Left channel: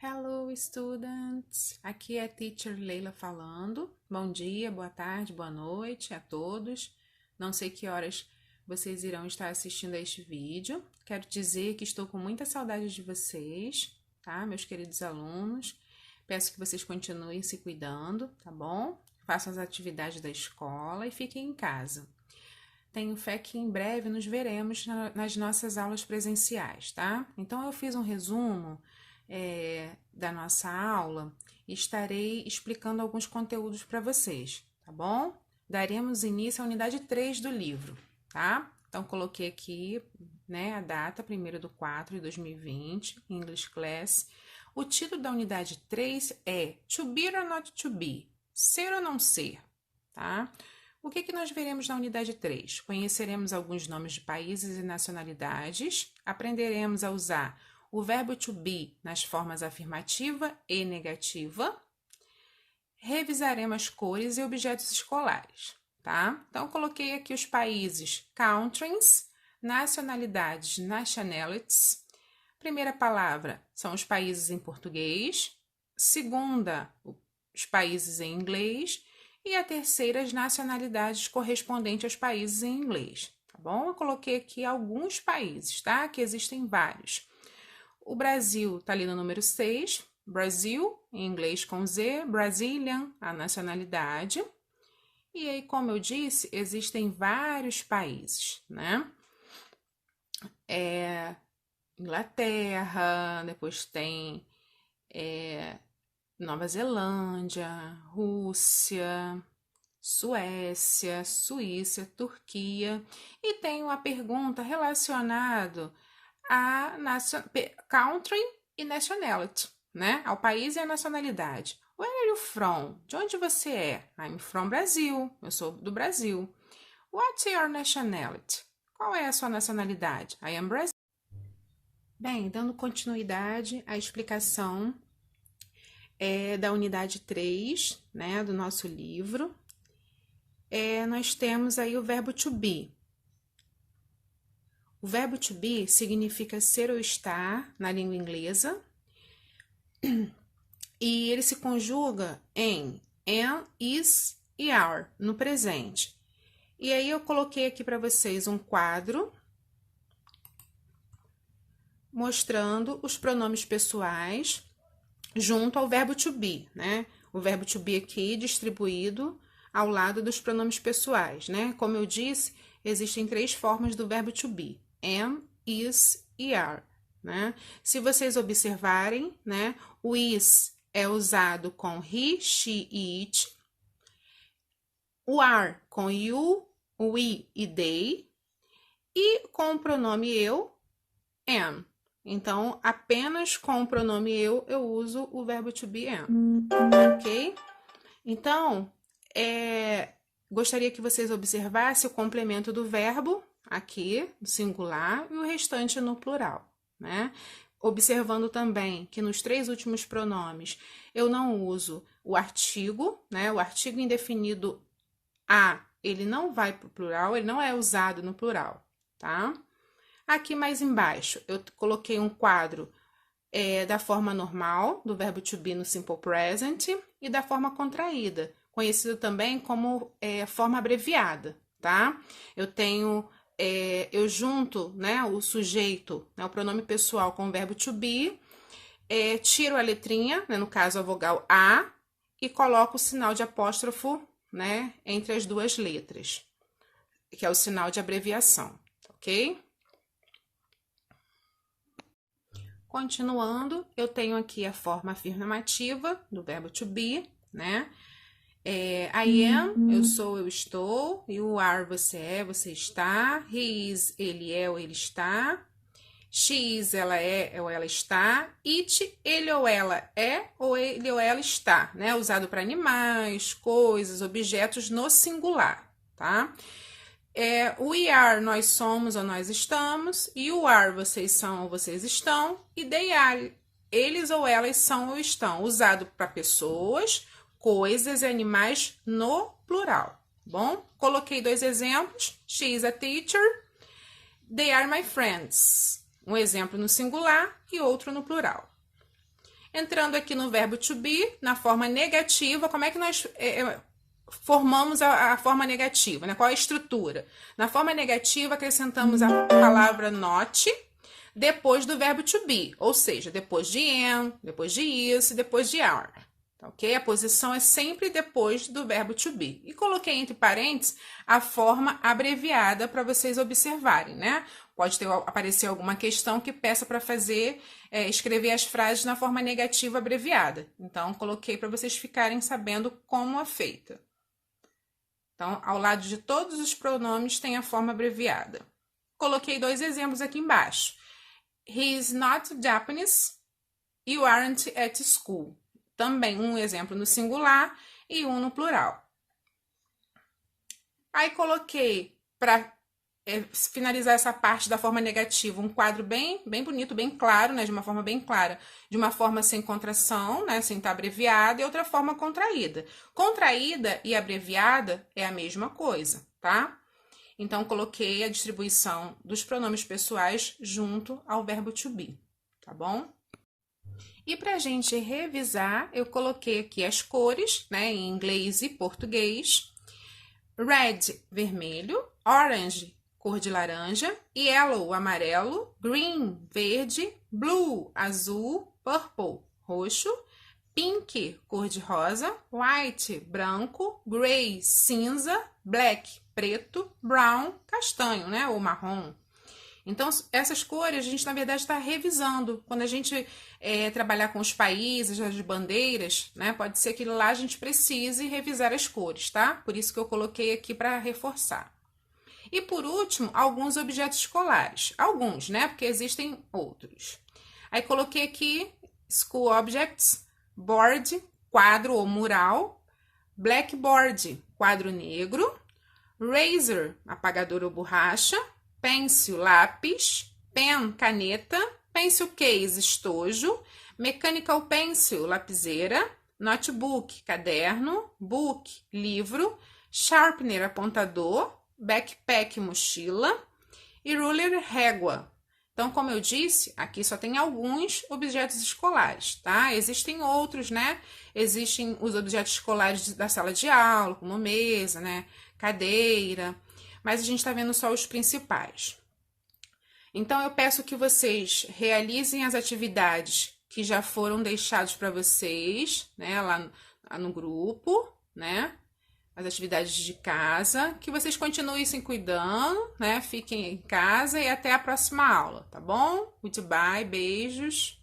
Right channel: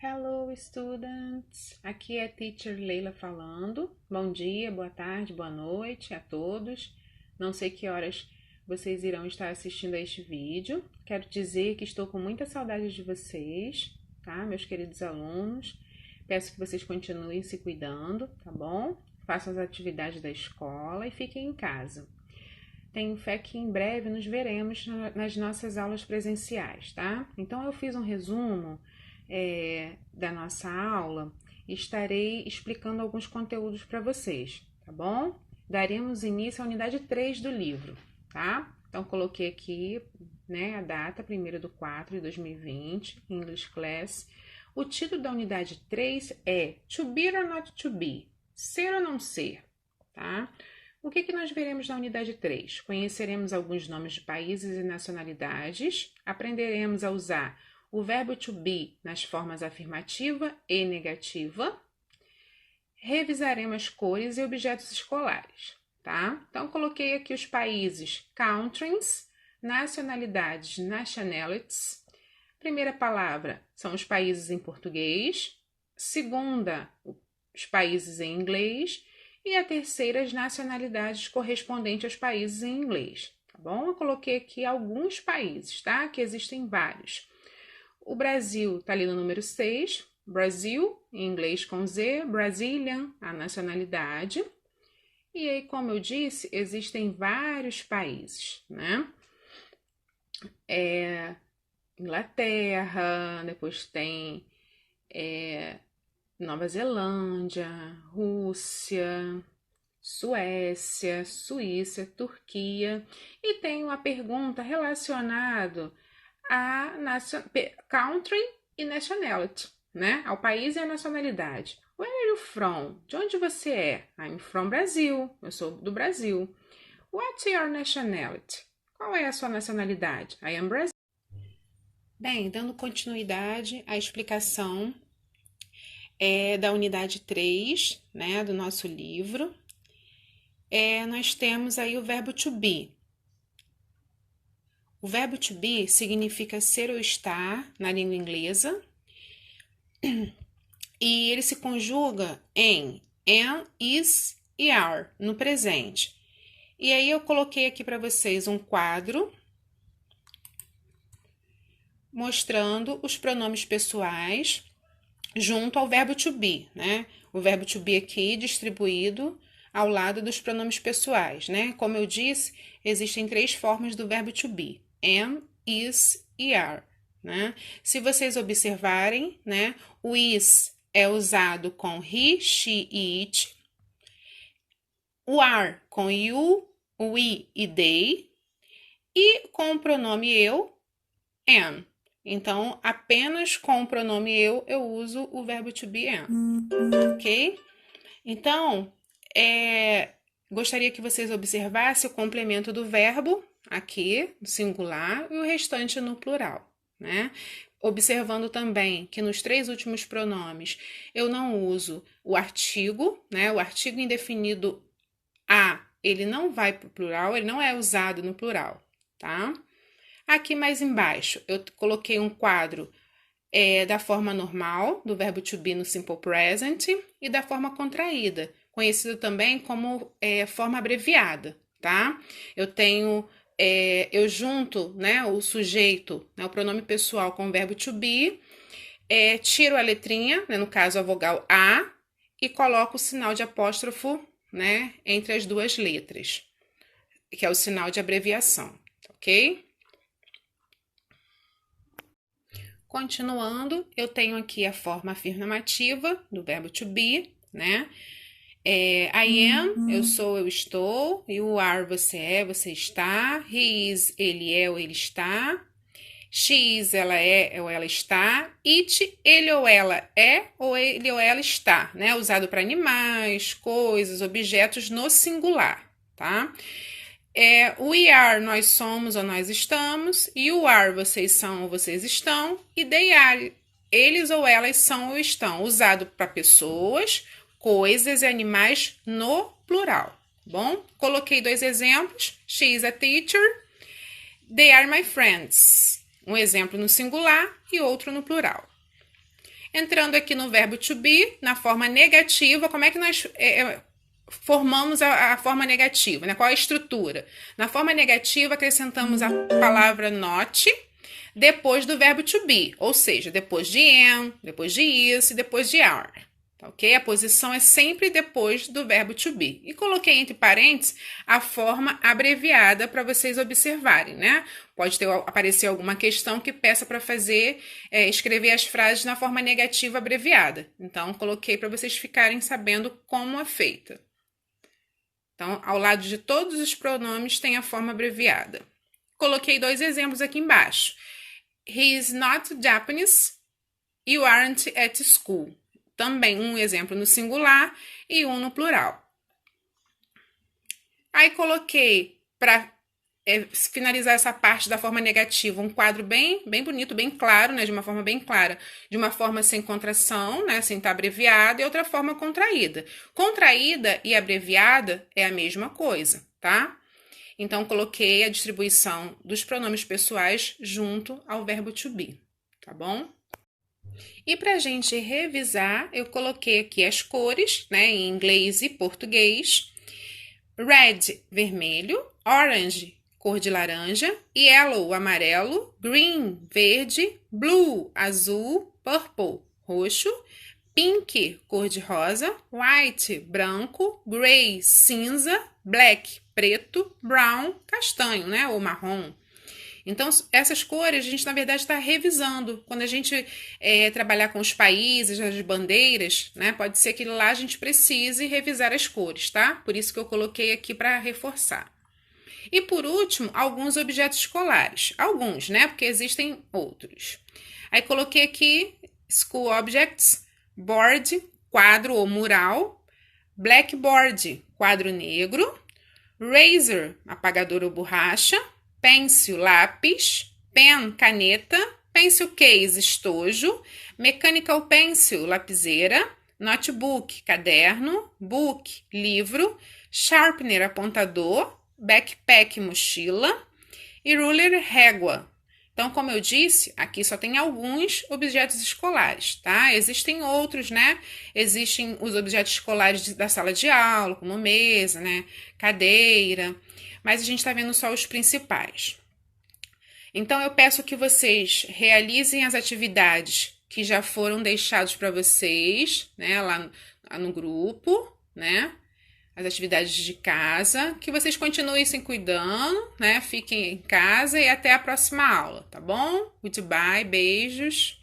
Hello, students! Aqui é a Teacher Leila falando. Bom dia, boa tarde, boa noite a todos. Não sei que horas vocês irão estar assistindo a este vídeo. Quero dizer que estou com muita saudade de vocês, tá, meus queridos alunos? Peço que vocês continuem se cuidando, tá bom? Façam as atividades da escola e fiquem em casa. Tenho fé que em breve nos veremos nas nossas aulas presenciais, tá? Então, eu fiz um resumo da nossa aula e estarei explicando alguns conteúdos para vocês, tá bom? Daremos início à unidade 3 do livro, tá? Então, coloquei aqui, né, a data, 1º de 4 de 2020, English Class. O título da unidade 3 é To Be or Not To Be, ser ou não ser, tá? O que nós veremos na unidade 3? Conheceremos alguns nomes de países e nacionalidades, aprenderemos a usar o verbo to be nas formas afirmativa e negativa, revisaremos as cores e objetos escolares, tá? Então, coloquei aqui os países, countries, nacionalidades, nationalities. Primeira palavra são os países em português, segunda, os países em inglês, e a terceira, as nacionalidades correspondentes aos países em inglês, tá bom? Eu coloquei aqui alguns países, tá? Que existem vários. O Brasil tá ali no número 6, Brasil, em inglês com Z, Brazilian, a nacionalidade. E aí, como eu disse, existem vários países, né? Inglaterra, depois tem Nova Zelândia, Rússia, Suécia, Suíça, Turquia, e tem uma pergunta relacionada a country e nationality, né? Ao país e à nacionalidade. Where are you from? De onde você é? I'm from Brazil. Eu sou do Brasil. What's your nationality? Qual é a sua nacionalidade? I am Brazil. Bem, dando continuidade à explicação da unidade 3, né, do nosso livro, nós temos aí o verbo to be. O verbo to be significa ser ou estar na língua inglesa e ele se conjuga em am, is e are no presente. E aí eu coloquei aqui para vocês um quadro mostrando os pronomes pessoais junto ao verbo to be, né? O verbo to be aqui distribuído ao lado dos pronomes pessoais, né? Como eu disse, existem 3 formas do verbo to be: am, is e are, né? Se vocês observarem, né, o is é usado com he, she e it, o are com you, o we e they, e com o pronome eu, am. Então, apenas com o pronome eu uso o verbo to be am, ok? Então, gostaria que vocês observassem o complemento do verbo aqui, no singular, e o restante no plural, né? Observando também que nos 3 últimos pronomes eu não uso o artigo, né? O artigo indefinido a, ele não vai para o plural, ele não é usado no plural, tá? Aqui mais embaixo, eu coloquei um quadro da forma normal, do verbo to be no simple present, e da forma contraída, conhecido também como forma abreviada, tá? Eu tenho, eu junto, né, o sujeito, né, o pronome pessoal com o verbo to be, tiro a letrinha, né, no caso a vogal A, e coloco o sinal de apóstrofo, né, entre as 2 letras, que é o sinal de abreviação, ok? Continuando, eu tenho aqui a forma afirmativa do verbo to be, né? I am, eu sou, eu estou. You are, você é, você está. He is, ele é ou ele está. She is, ela é ou ela está. It, ele ou ela é ou ele ou ela está, né? Usado para animais, coisas, objetos no singular, tá? We are, nós somos ou nós estamos. You are, vocês são ou vocês estão. E they are, eles ou elas são ou estão. Usado para pessoas, coisas e animais no plural. Bom, coloquei 2 exemplos. She is a teacher. They are my friends. Um exemplo no singular e outro no plural. Entrando aqui no verbo to be, na forma negativa, como é que nós formamos a forma negativa, né? Qual é a estrutura? Na forma negativa, acrescentamos a palavra not depois do verbo to be, ou seja, depois de am, depois de is e depois de are. Tá, ok? A posição é sempre depois do verbo to be. E coloquei entre parênteses a forma abreviada para vocês observarem, né? Pode aparecer alguma questão que peça para escrever as frases na forma negativa abreviada. Então, coloquei para vocês ficarem sabendo como é feita. Então, ao lado de todos os pronomes tem a forma abreviada. Coloquei 2 exemplos aqui embaixo. He is not Japanese. You aren't at school. Também um exemplo no singular e um no plural. Aí coloquei, para finalizar essa parte da forma negativa, um quadro bem bonito, bem claro, né? De uma forma bem clara, de uma forma sem contração, né? Sem estar abreviada, e outra forma contraída. Contraída e abreviada é a mesma coisa, tá? Então, coloquei a distribuição dos pronomes pessoais junto ao verbo to be, tá bom? E para a gente revisar, eu coloquei aqui as cores, né, em inglês e português. Red, vermelho. Orange, cor de laranja. Yellow, amarelo. Green, verde. Blue, azul. Purple, roxo. Pink, cor de rosa. White, branco. Gray, cinza. Black, preto. Brown, castanho, né, ou marrom. Então, essas cores a gente, na verdade, está revisando. Quando a gente trabalhar com os países, as bandeiras, né? Pode ser que lá a gente precise revisar as cores, tá? Por isso que eu coloquei aqui para reforçar. E, por último, alguns objetos escolares. Alguns, né? Porque existem outros. Aí, coloquei aqui school objects, board, quadro ou mural, blackboard, quadro negro, razor, apagador ou borracha, pencil, lápis, pen, caneta, pencil case, estojo, mechanical pencil, lapiseira, notebook, caderno, book, livro, sharpener, apontador, backpack, mochila e ruler, régua. Então, como eu disse, aqui só tem alguns objetos escolares, tá? Existem outros, né? Existem os objetos escolares da sala de aula, como mesa, né? Cadeira, mas a gente está vendo só os principais. Então, eu peço que vocês realizem as atividades que já foram deixadas para vocês, né, lá no grupo, né, as atividades de casa, que vocês continuem se cuidando, né, fiquem em casa e até a próxima aula, tá bom? Goodbye, beijos.